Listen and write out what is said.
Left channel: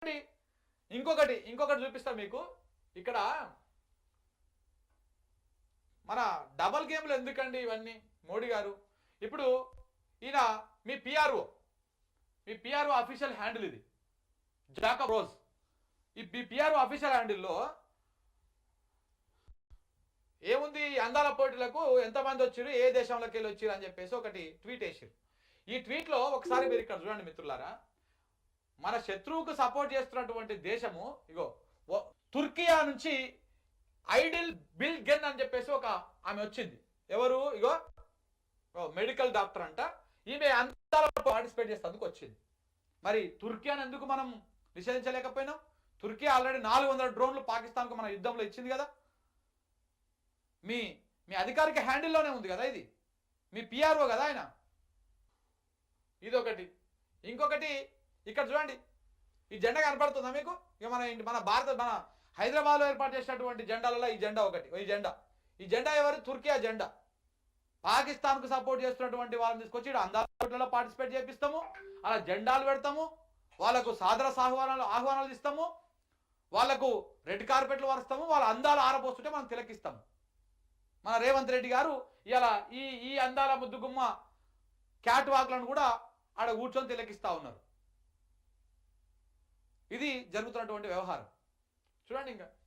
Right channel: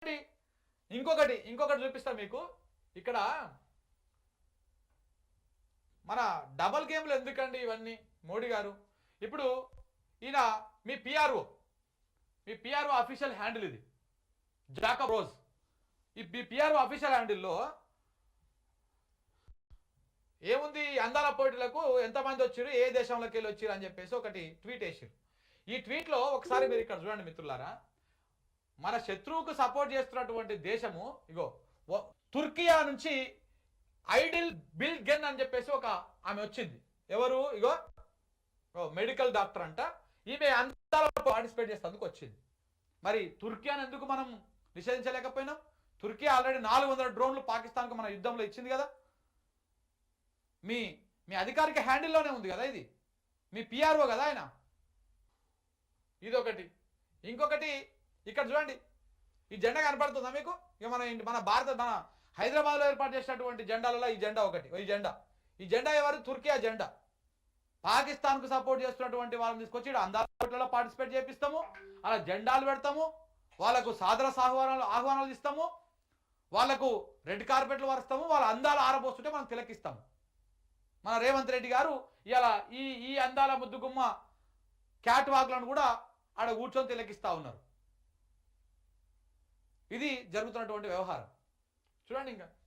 ఇంకొకటి చూపిస్తా మీకు. ఇక్కడ మన డబల్ గేమ్లు ఎందుకండి ఇవన్నీ మోడీ గారు? ఇప్పుడు ఈయన మీ పిఆర్ఓ అఫీషియల్ హ్యాండిల్ ఇది, జాకబ్ రోజ్. ఈ పిఆర్ఓ అఫీషియల్ హ్యాండిల్లో ఏముంది, అందాల పోటీలకు ఎంతమంది వచ్చారు, ఏ దేశంలోకి వెళ్ళి వచ్చారు అని చెప్పేసి ఒకటి ట్వీట్ వేసారు. ఈ ట్వీట్లో ఒకసారి మీరు ఇక్కడ చూడండి మిత్రులారా, మన శత్రువుకు సపోర్ట్ చేస్తున్నటువంటి దేశము ఇగో తుర్కియా నుంచి ఐడిల్ బిల్ గెన్ అని చెప్పేసి ఒక ఆమె వచ్చింది. ఎవరు? ఇగో మెడికల్ డాక్టర్ అంట. ఈమె అందాలలో పార్టిసిపేట్ చేసేందుకు వచ్చింది. మరి తుర్కియాని ఎందుకు మనం నిషేధించలేకపోయినాం? తుర్కియా ఆల్రెడీ 400 డ్రోన్లు పాకిస్తాన్కు మన యుద్ధంలో ఇచ్చింది కదా. మీ అధికారిక హ్యాండిల్లోనే ఉంది కదా ఇది. మీ పిఆర్ఓ కదా ఆయన. ఇదొకటి. ఇంకొకటి ఇక్కడ చూడండి, ఈ జెండా కనపడుతుందా మీకు? ఇక మన హైదరాబాద్లో ఏర్పాటు చేసినటువంటి జెండాలలో ఈ జెండా ఒకటి. ఈ జెండా ఎవరు? తుర్కియా జెండా. పాకిస్తాన్కు సపోర్ట్ చేస్తున్నటువంటి వాళ్ళని తీసుకొచ్చి అందాలలో పార్టిసిపేట్ చేపిస్తాము, అలా జెండాలు పెడతాము, వాళ్ళకు సాదర ఆహ్వానాలు ఇస్తాము, వాళ్లకు రెడ్ కార్పెట్లు వరుస్తాము, వాళ్ళ అందాలు ఆరబోస్తుంటే మనం తిలకిస్తాము. మన రేవంత్ రెడ్డి గారు ఇలా ఈ అందాల ముద్దుగుమ్మ క్యాట్ వాక్లను కూడా ఆడ కూర్చొని తిలకిస్తా ఉన్నారు. ఇది జరుగుతున్నటువంటి వ్యవహారం చూడండి. ఇంకా